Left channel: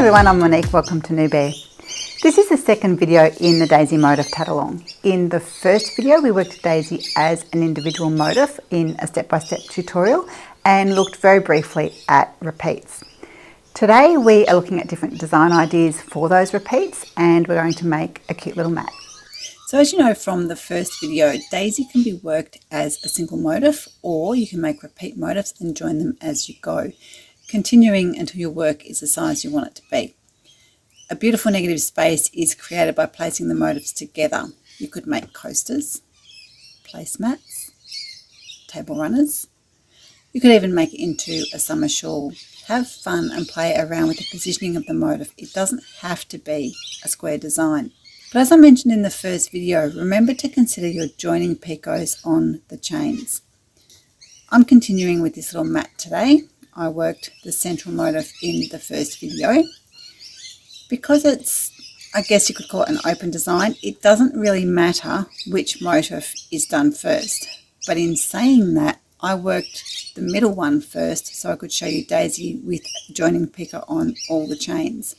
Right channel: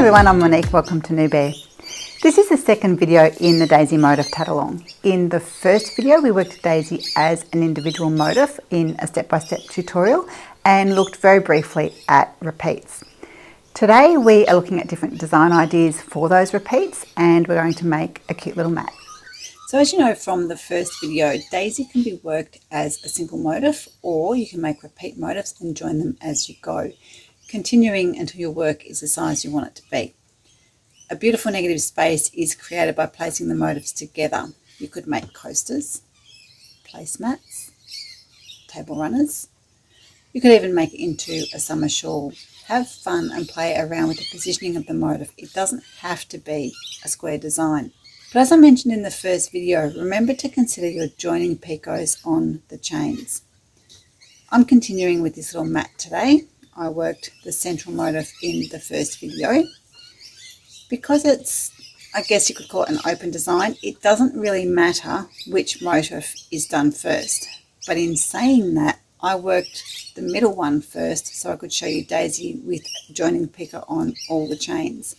everyone, I'm Monique, welcome to Newbies. This is the second video in the daisy motif tatalong. In the first video we worked daisy as an individual motif in a step-by-step tutorial and looked very briefly at repeats. Today we are looking at different design ideas for those repeats and we're going to make a cute little mat. So as you know from the first video, daisy can be worked as a single motif, or you can make repeat motifs and join them as you go, continuing until your work is the size you want it to be. A beautiful negative space is created by placing the motifs together. You could make coasters, placemats, table runners. You could even make it into a summer shawl. Have fun and play around with the positioning of the motif. It doesn't have to be a square design. But as I mentioned in the first video, remember to consider your joining picots on the chains. I'm continuing with this little mat today. I worked the central motif in the first video. Because it's, I guess you could call it an open design, it doesn't really matter which motif is done first. But in saying that, I worked the middle one first so I could show you daisy with joining picot on all the chains.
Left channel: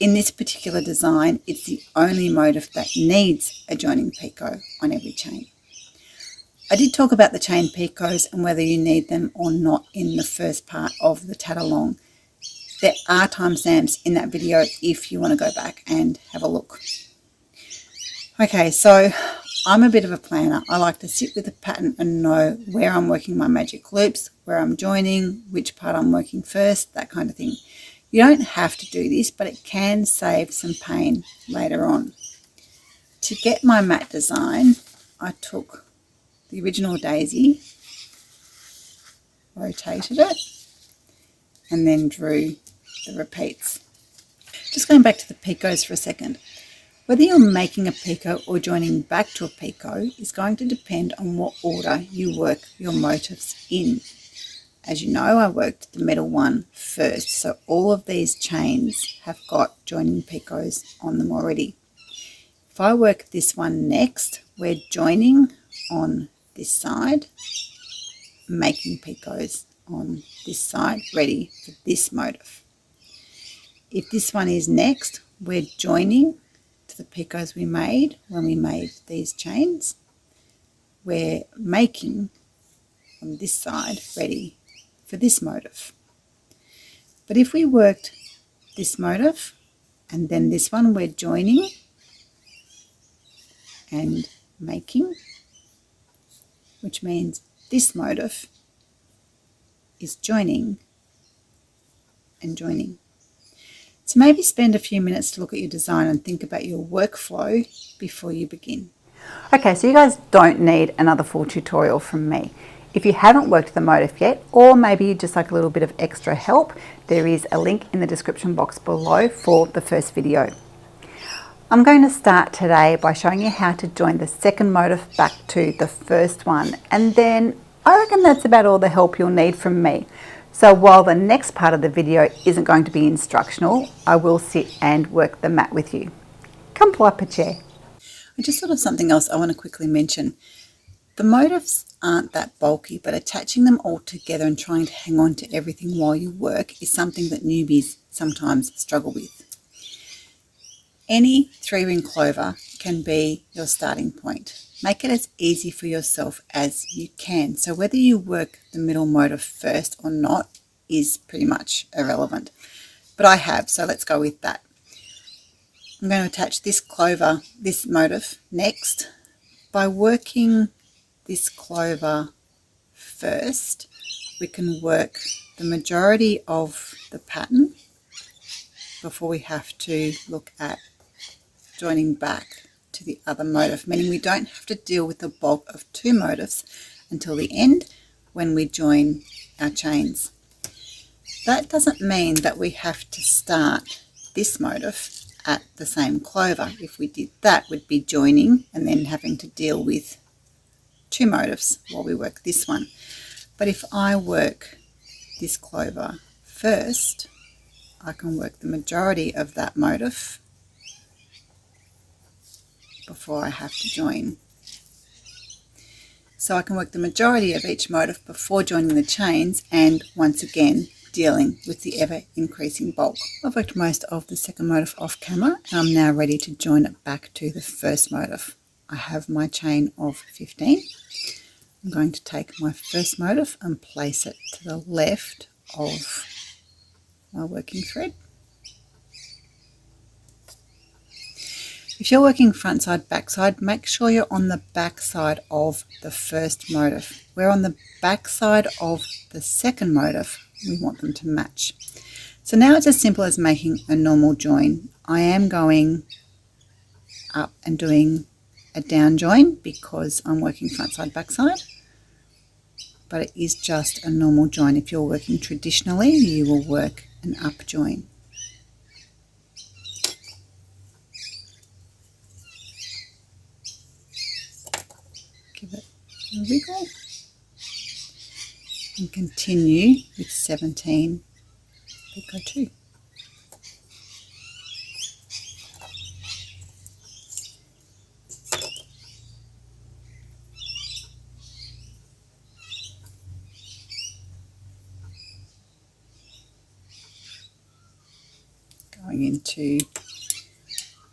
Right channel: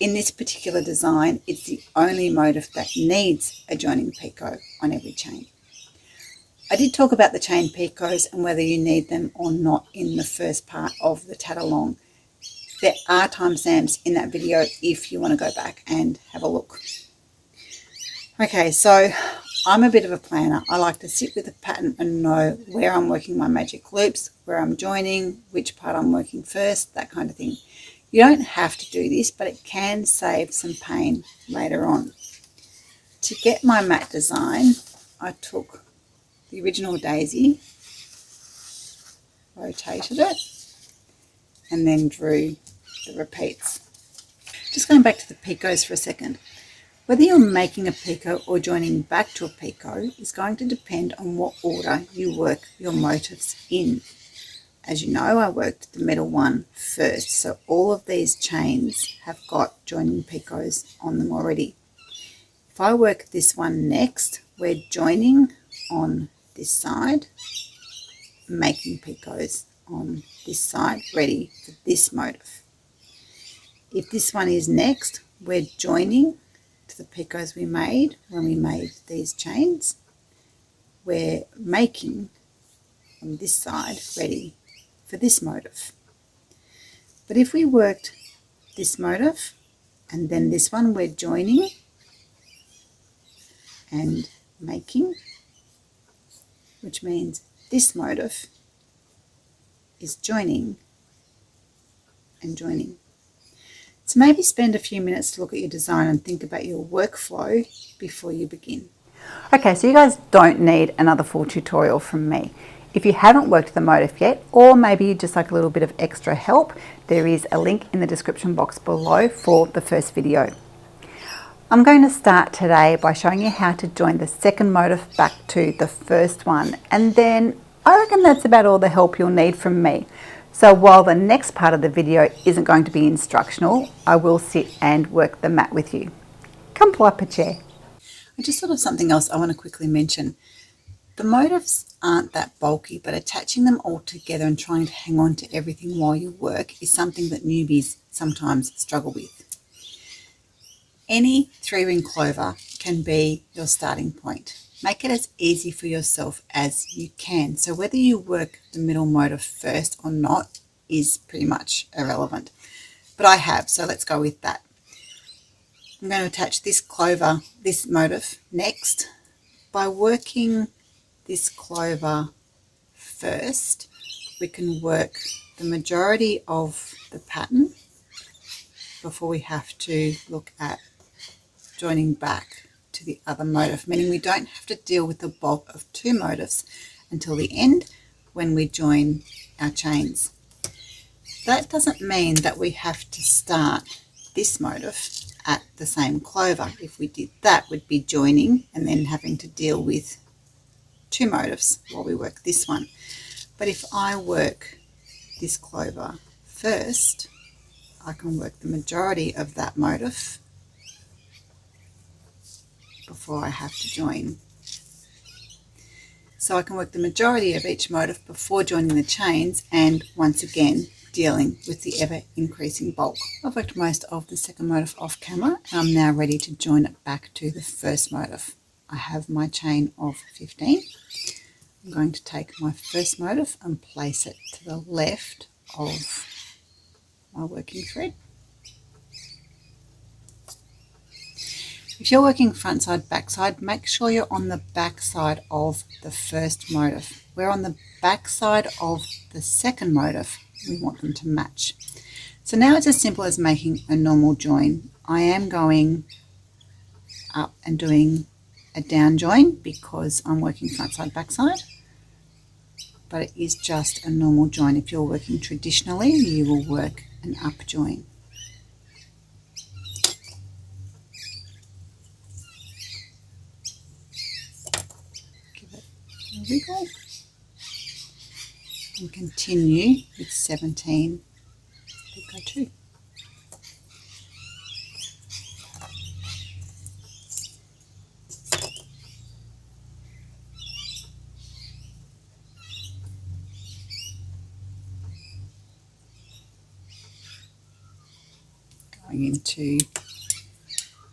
In this particular design, it's the only motif that needs a joining picot on every chain. I did talk about the chain picots and whether you need them or not in the first part of the tatalong. There are timestamps in that video if you want to go back and have a look. Okay, so I'm a bit of a planner. I like to sit with the pattern and know where I'm working my magic loops, where I'm joining, which part I'm working first, that kind of thing. You don't have to do this, but it can save some pain later on. To get my mat design, I took the original daisy, rotated it, and then drew the repeats. Just going back to the picots for a second. Whether you're making a picot or joining back to a picot is going to depend on what order you work your motifs in. As you know, I worked the middle one first, so all of these chains have got joining picots on them already. If I work this one next, we're joining on this side, making picots on this side, ready for this motif. If this one is next, we're joining to the picots we made when we made these chains. We're making on this side, ready for this motif. But if we worked this motif and then this one, we're joining and making, which means this motif is joining and joining. So maybe spend a few minutes to look at your design and think about your workflow before you begin. Okay, so you guys don't need another full tutorial from me. If you haven't worked the motif yet, or maybe you just like a little bit of extra help, there is a link in the description box below for the first video. I'm going to start today by showing you how to join the second motif back to the first one, and then I reckon that's about all the help you'll need from me. So while the next part of the video isn't going to be instructional, I will sit and work the mat with you. Come pull up a chair. I just thought of something else I want to quickly mention. The motifs aren't that bulky, but attaching them all together and trying to hang on to everything while you work is something that newbies sometimes struggle with. Any 3-ring clover can be your starting point. Make it as easy for yourself as you can. So whether you work the middle motif first or not is pretty much irrelevant. But I have, so let's go with that. I'm going to attach this clover, this motif next. By working this clover first, we can work the majority of the pattern before we have to look at joining back to the other motif, meaning we don't have to deal with the bulk of 2 motifs until the end when we join our chains. That doesn't mean that we have to start this motif at the same clover. If we did that, we'd be joining and then having to deal with 2 motifs while we work this one. But if I work this clover first, I can work the majority of that motif before I have to join. So I can work the majority of each motif before joining the chains, and once again dealing with the ever-increasing bulk. I've worked most of the second motif off camera, and I'm now ready to join it back to the first motif. I have my chain of 15. I'm going to take my first motif and place it to the left of my working thread. If you're working front side, back side, make sure you're on the back side of the first motif. We're on the back side of the second motif. We want them to match. So now it's as simple as making a normal join. I am going up and doing a down join because I'm working front side, back side. But it is just a normal join. If you're working traditionally, you will work an up join. Give it a wiggle and continue with 17 picot 2. Going into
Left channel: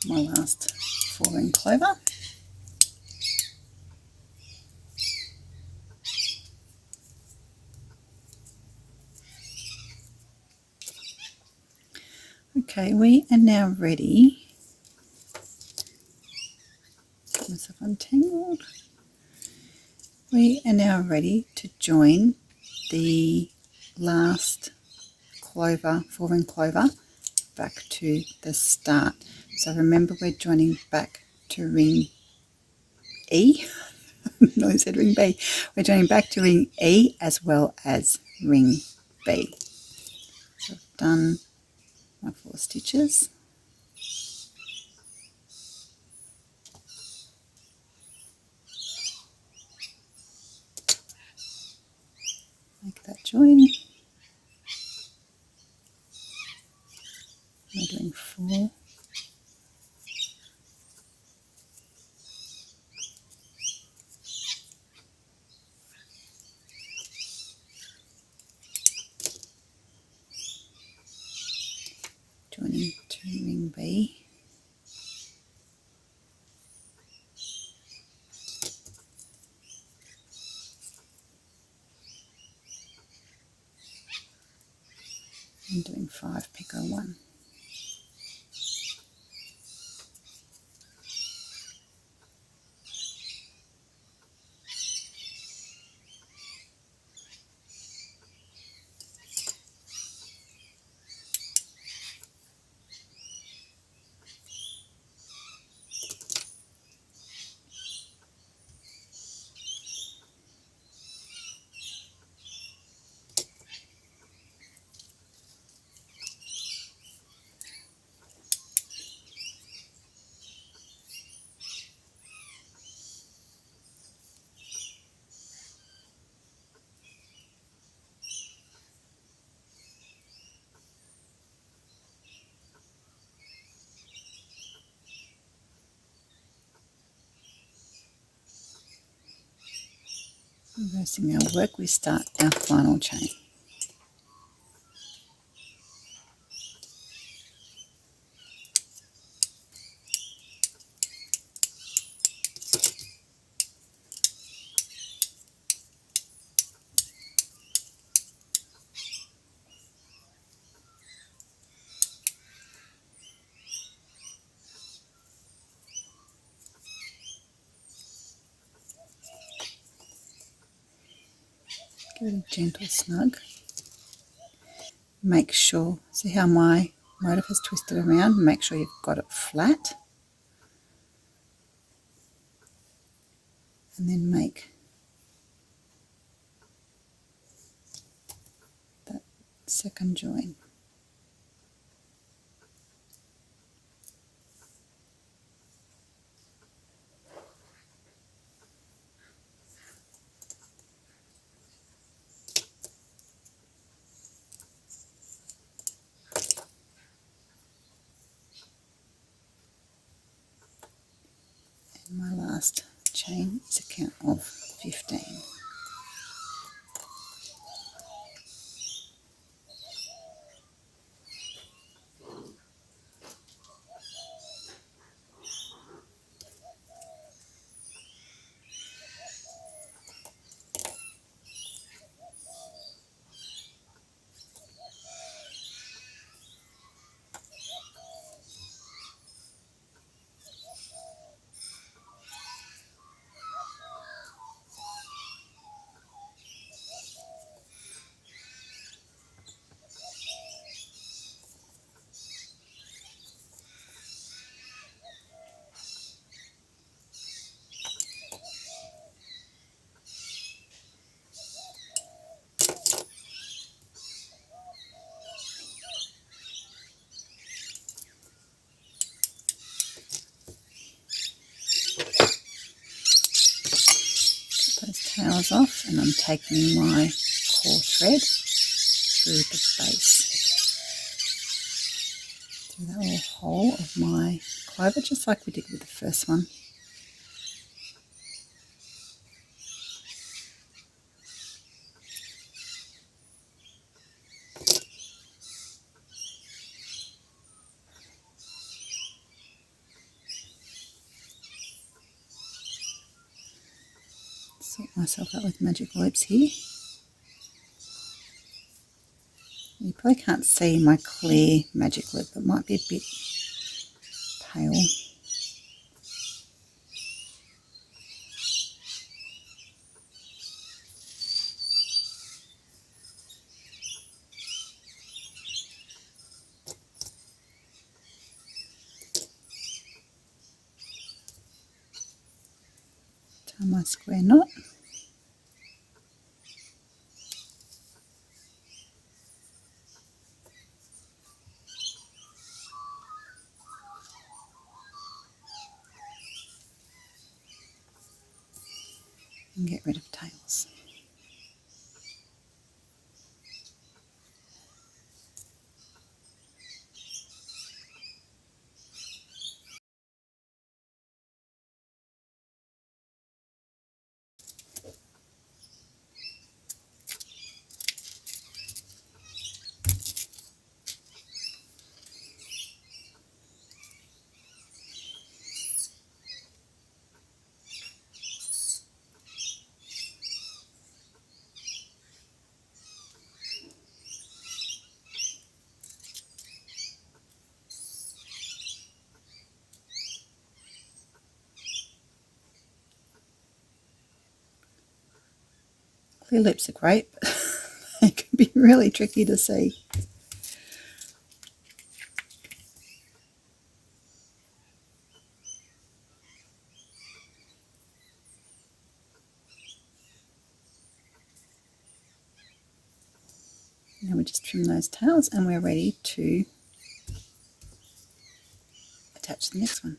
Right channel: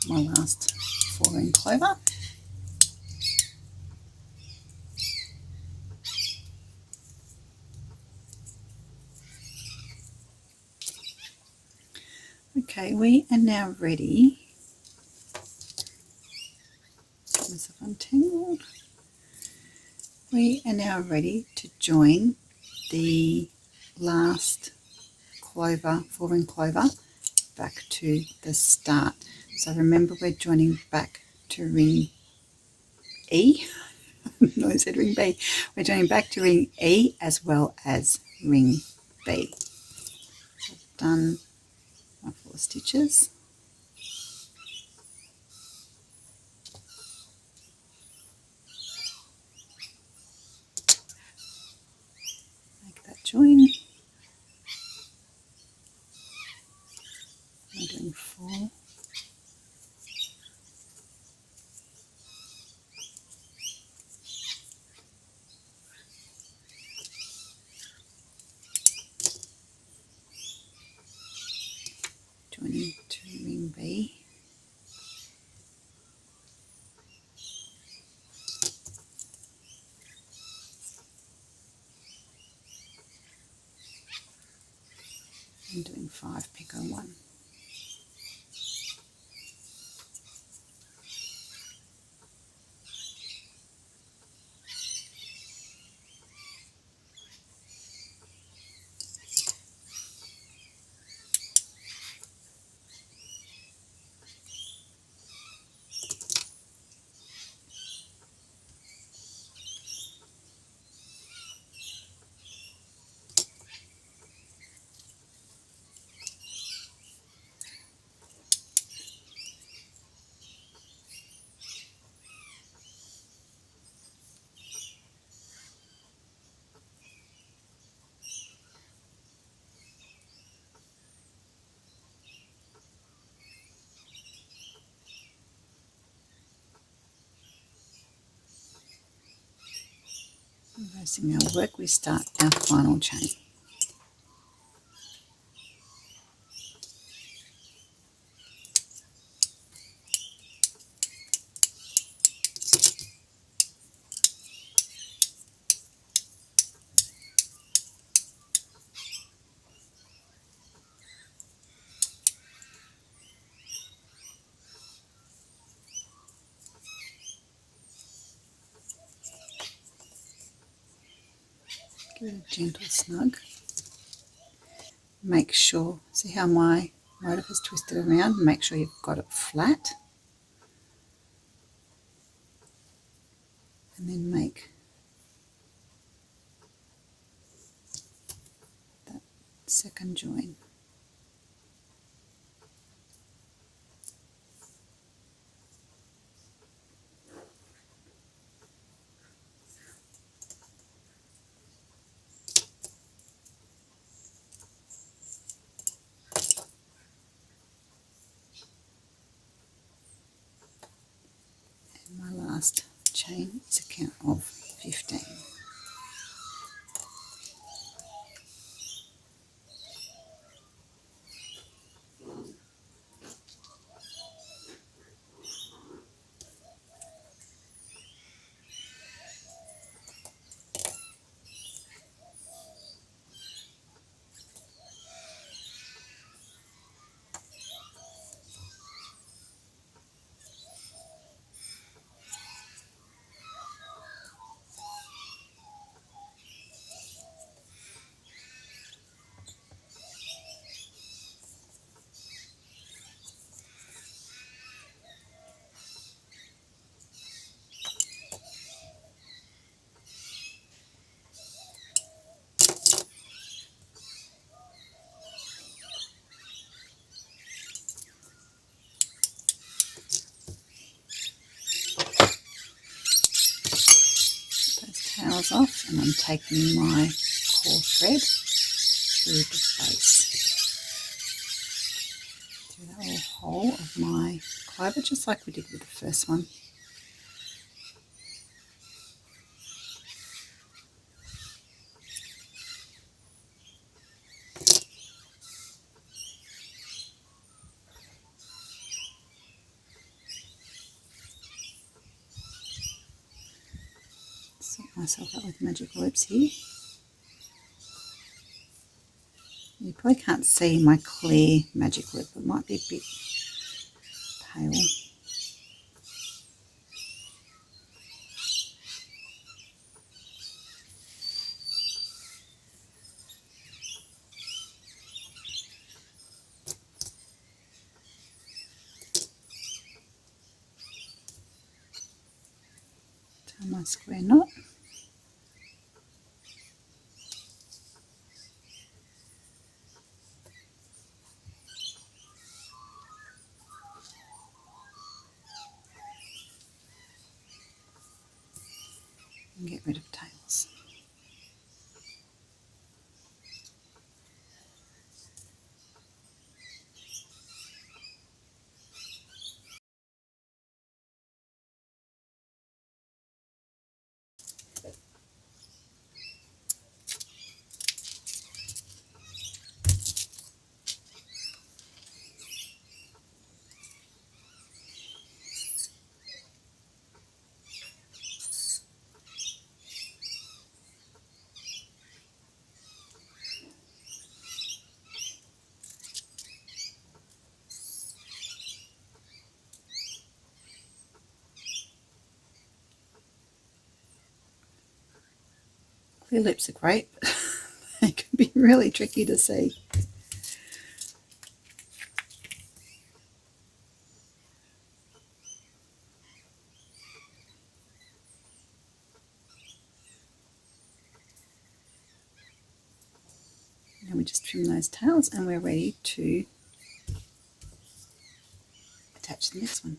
my last 4-ring clover. Okay, we are now ready. Get myself untangled. We are now ready to join the last clover, 4-ring clover, back to the start. So remember, we're joining back to ring E. No, I said ring B. We're joining back to ring E as well as ring B. So I've done my 4 stitches. Make that join. We're doing 4. Joining to ring B. And doing 5 picot 1. Reversing our work, we start our final chain. Give it a gentle snug. Make sure, see how my motif is twisted around? Make sure you've got it flat. And then make that second join. And my last chain is a count of 15. tails off, and I'm taking my core thread through the base, through that little hole of my clover, just like we did with the first one. Sort myself out with magic loops here. You probably can't see my clear magic loop, it might be a bit pale. Tie my square knot. And get rid of tails. Clear loops are great, but they can be really tricky to see. Now we just trim those tails and we're ready to attach the next one.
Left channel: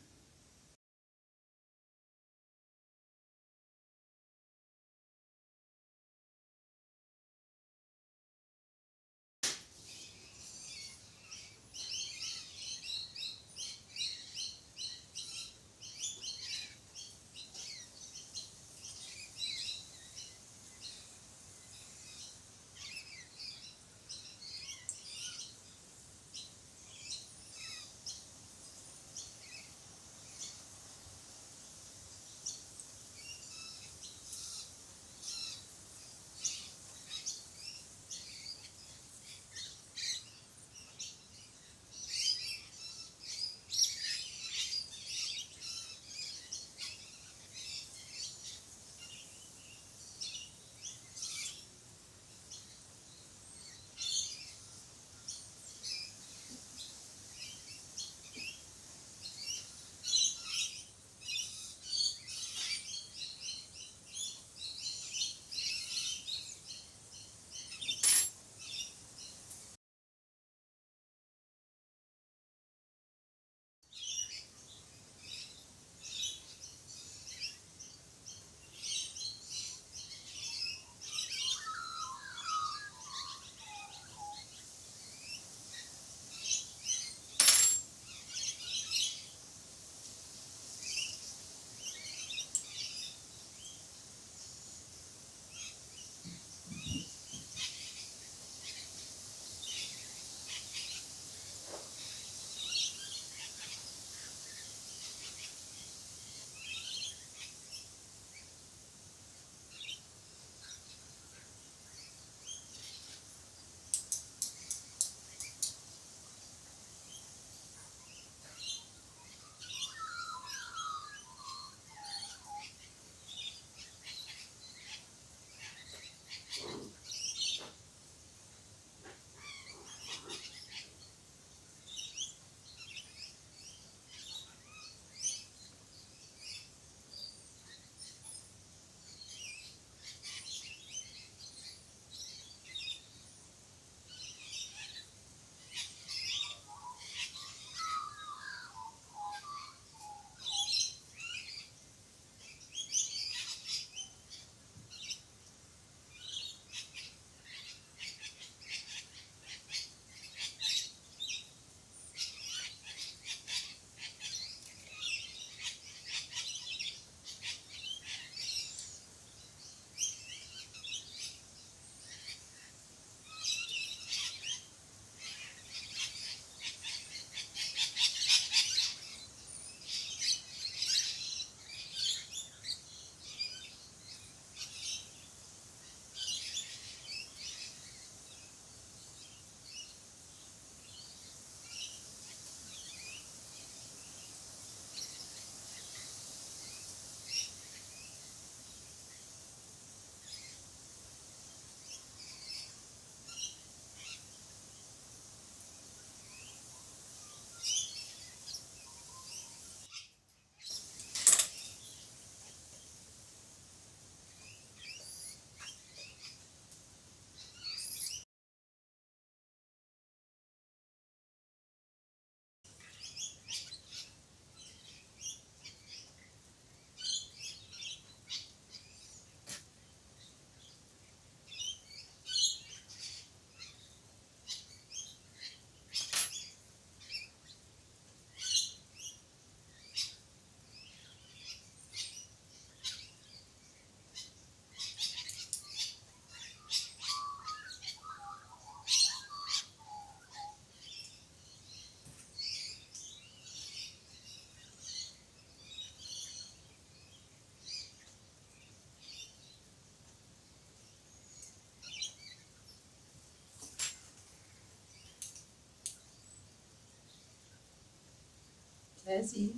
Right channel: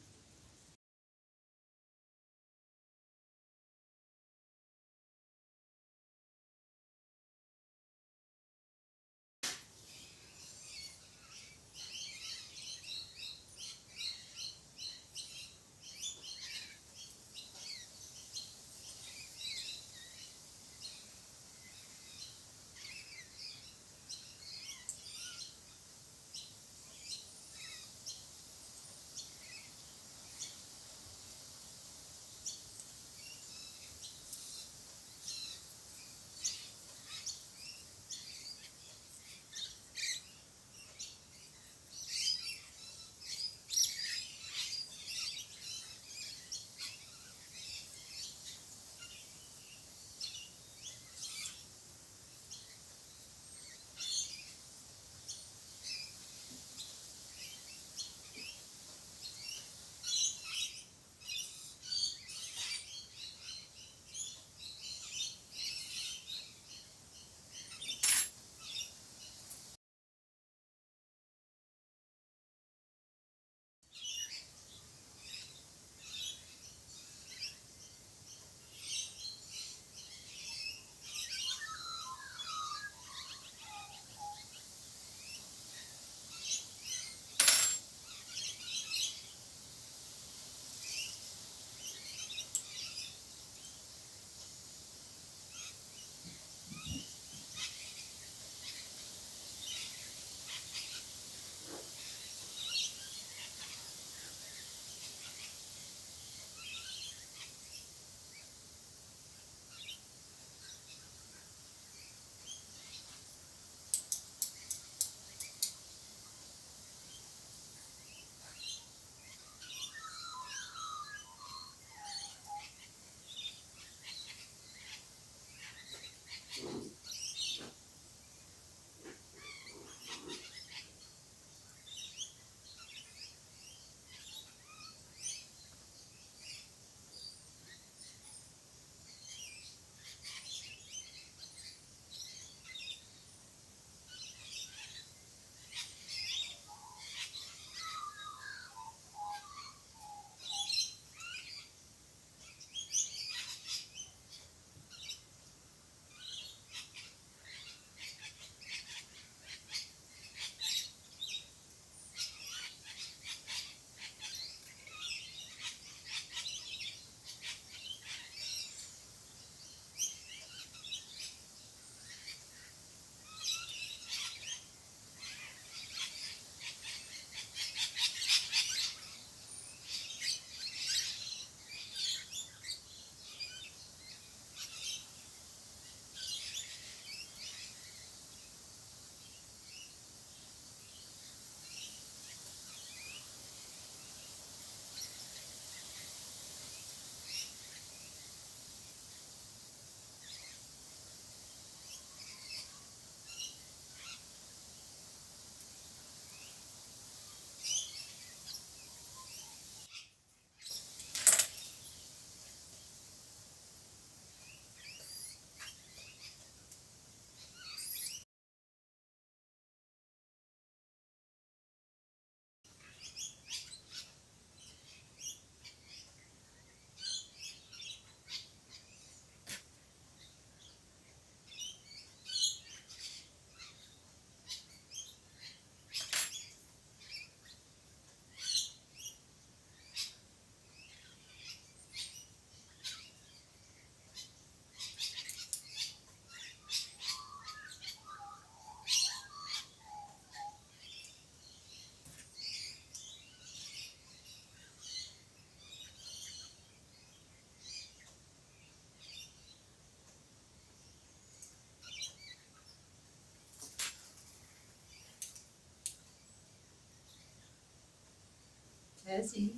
Dazzy.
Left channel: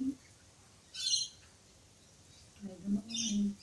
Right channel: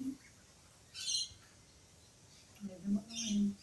Leave them alone.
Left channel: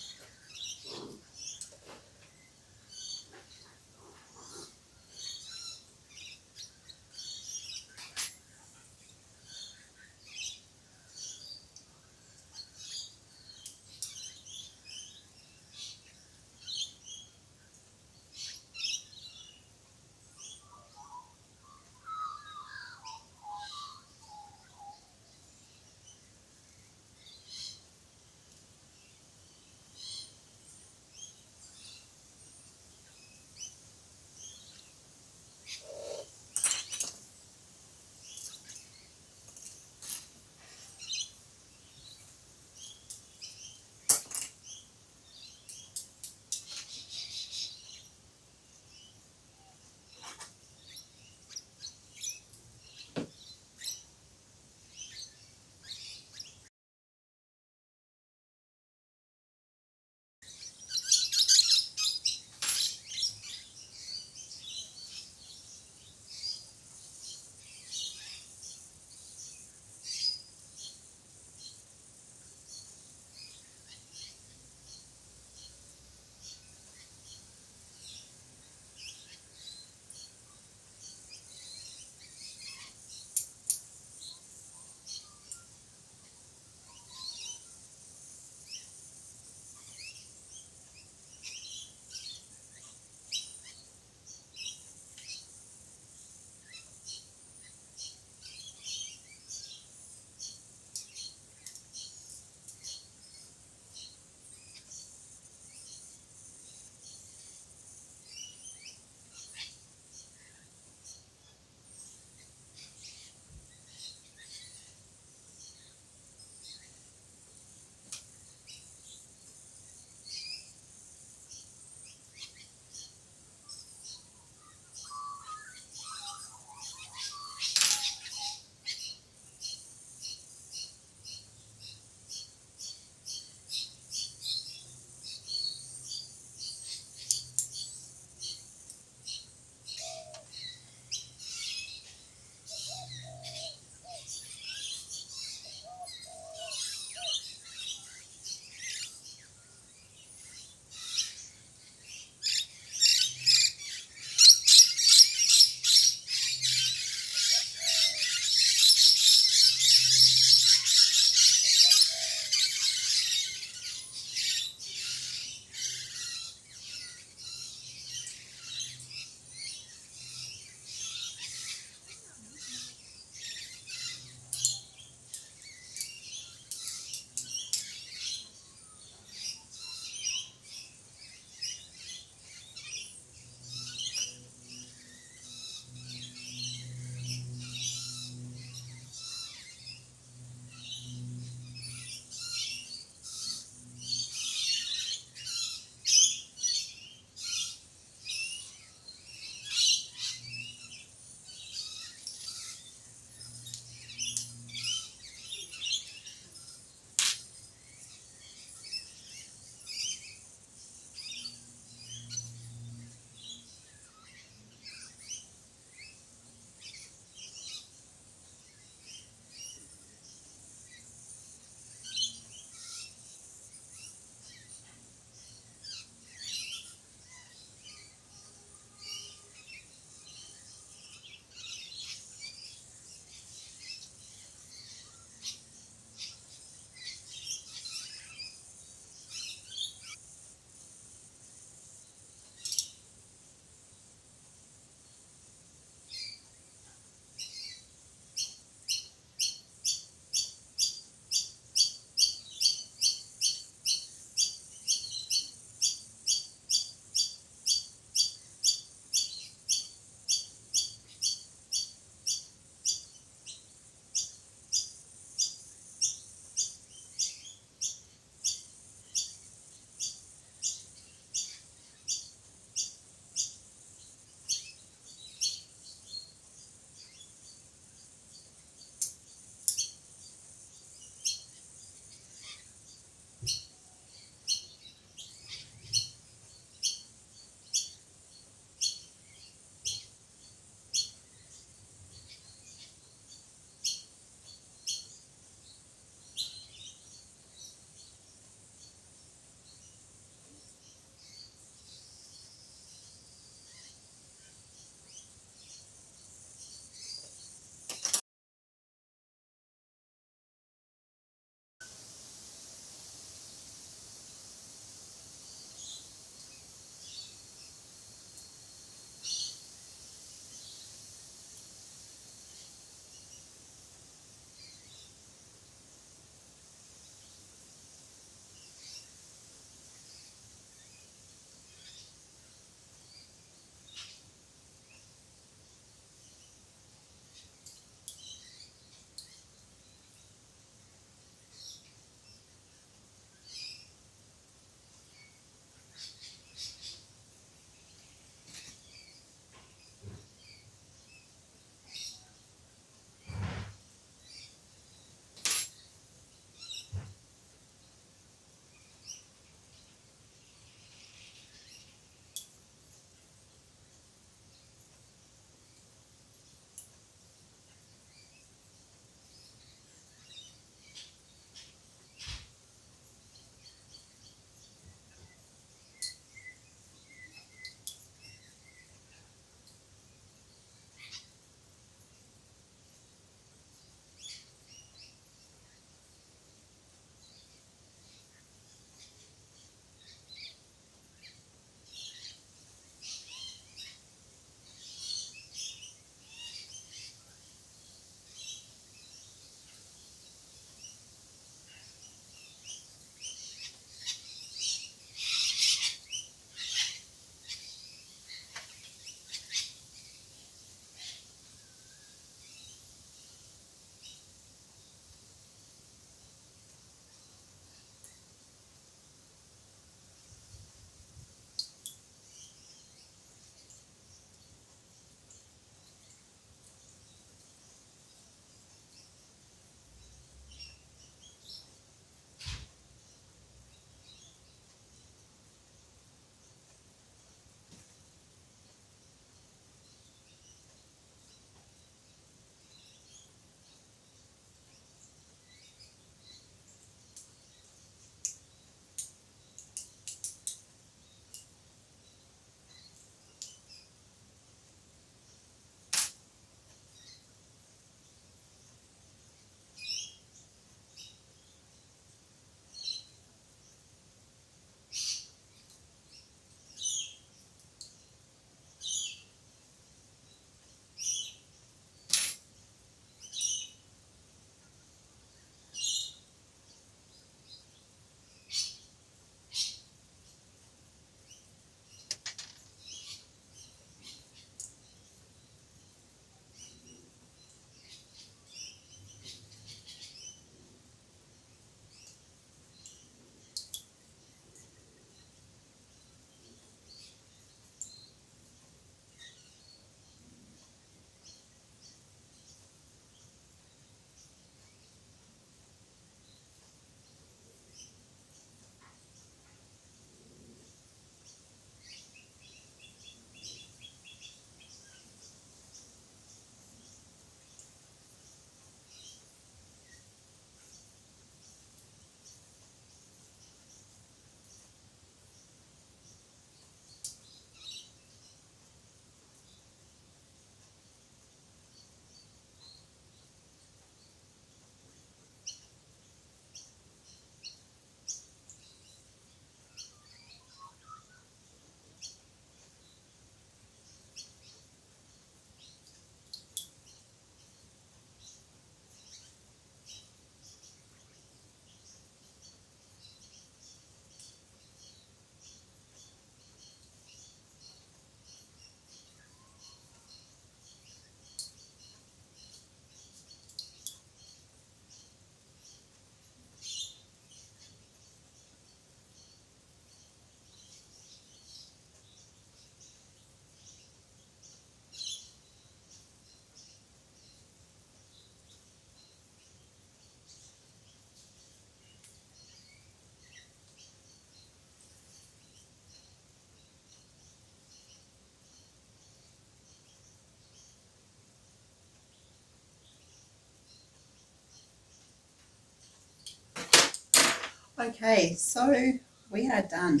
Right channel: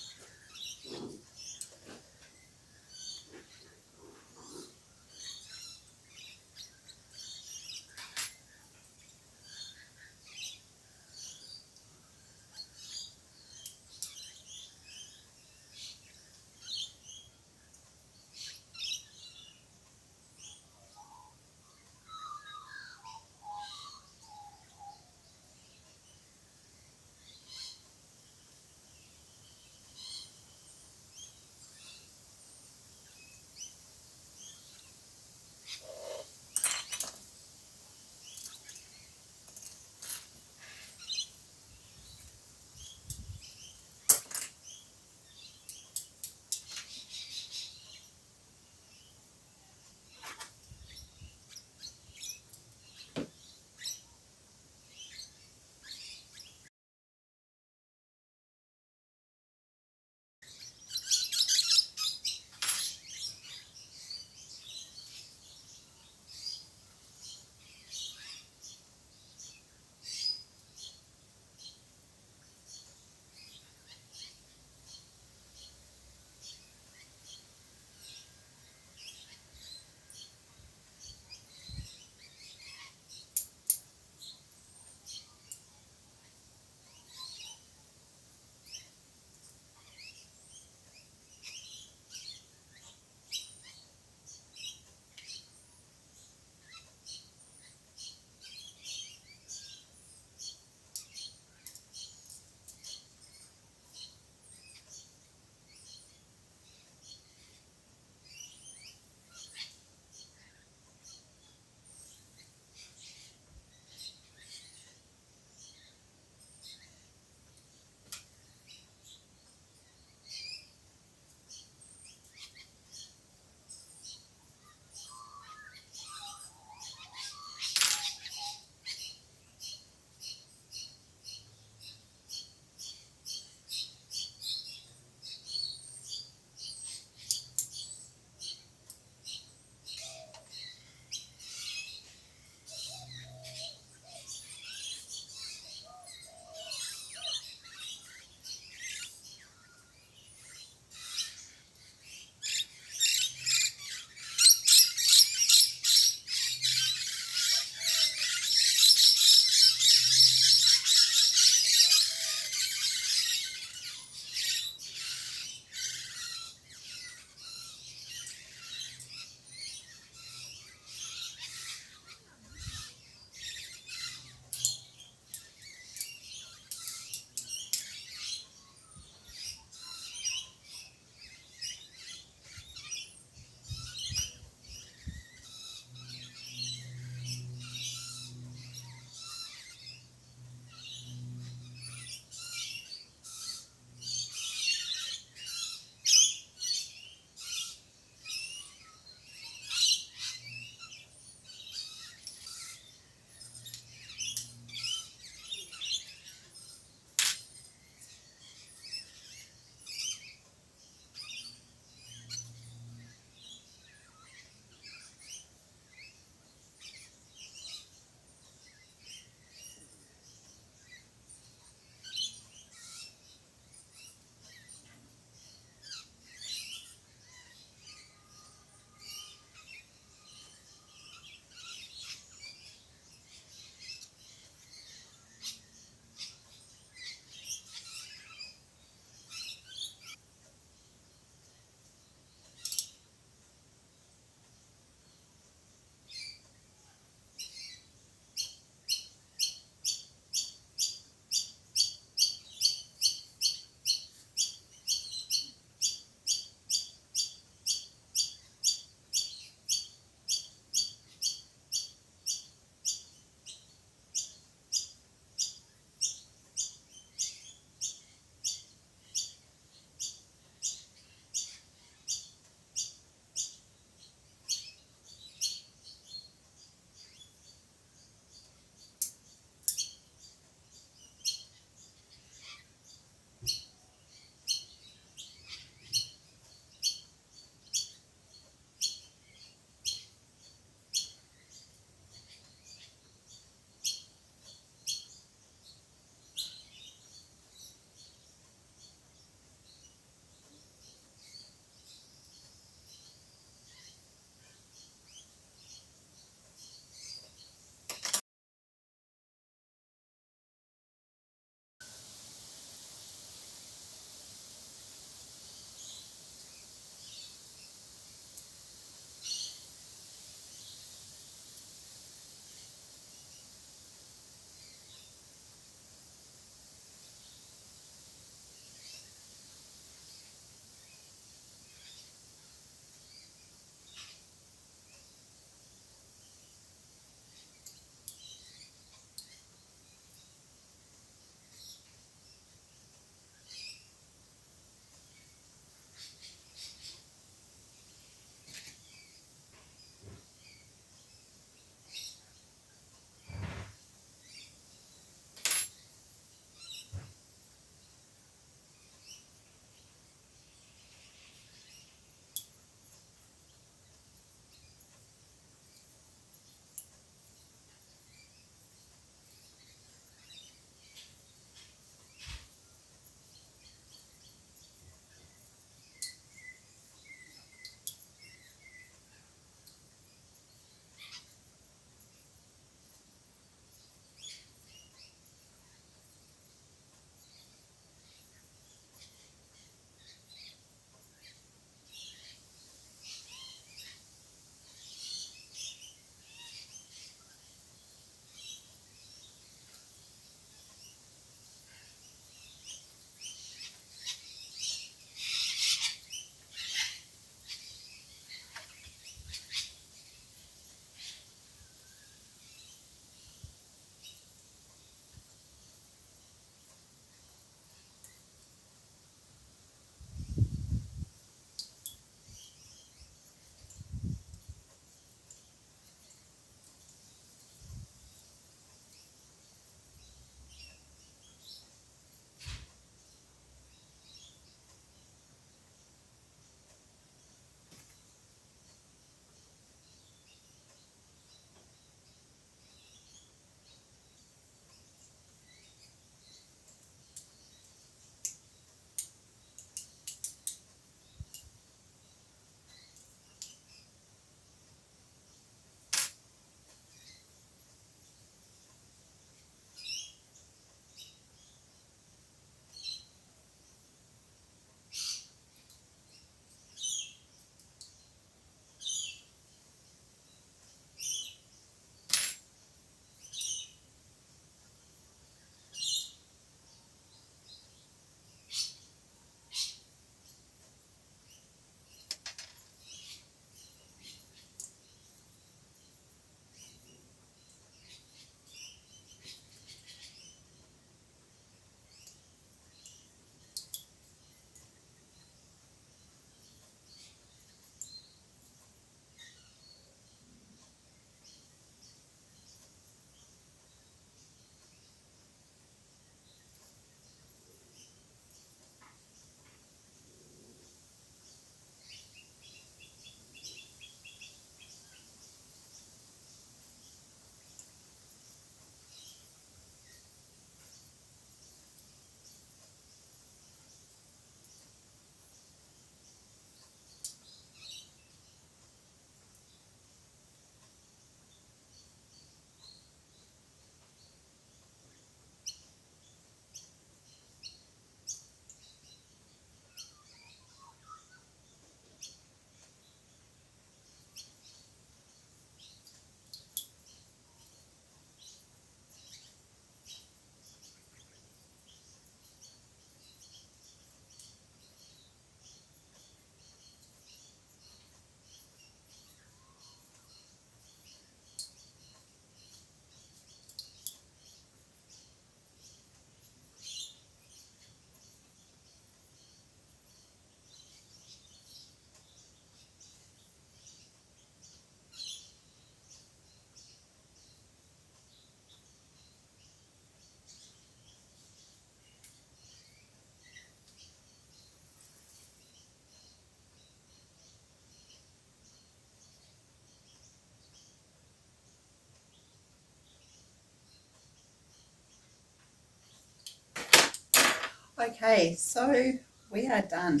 Okay, so we are done.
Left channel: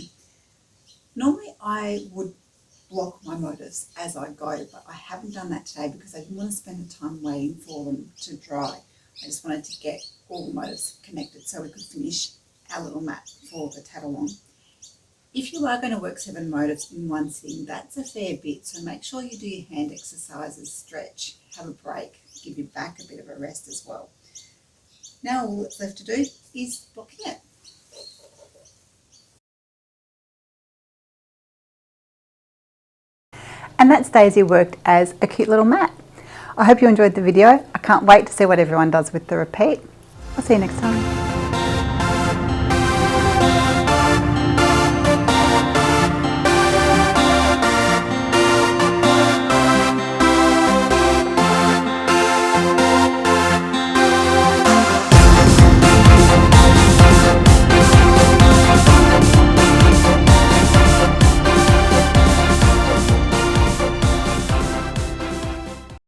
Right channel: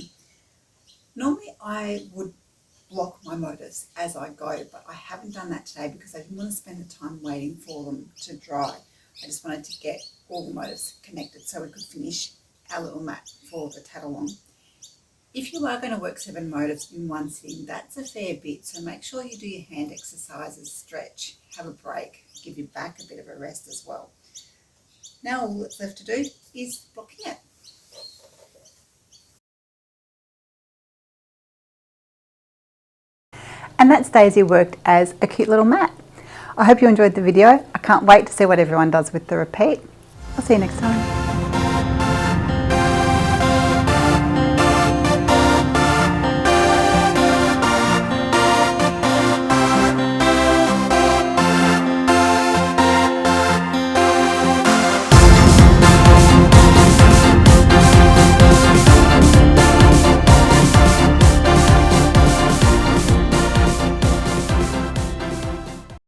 Normally I would block my motifs as I go, but I haven't done that today because I didn't want to spend the time waiting for them to dry. I just wanted to get all the motifs connected so we could finish our little mat for the tatalong. If you are going to work 7 motifs in one sitting, that's a fair bit, so make sure you do your hand exercises, stretch, have a break, give your back a bit of a rest as well. Now all that's left to do is blocking it. And that's Daisy worked as a cute little mat. I hope you enjoyed the video. I can't wait to see what everyone does with the repeat. I'll see you next time.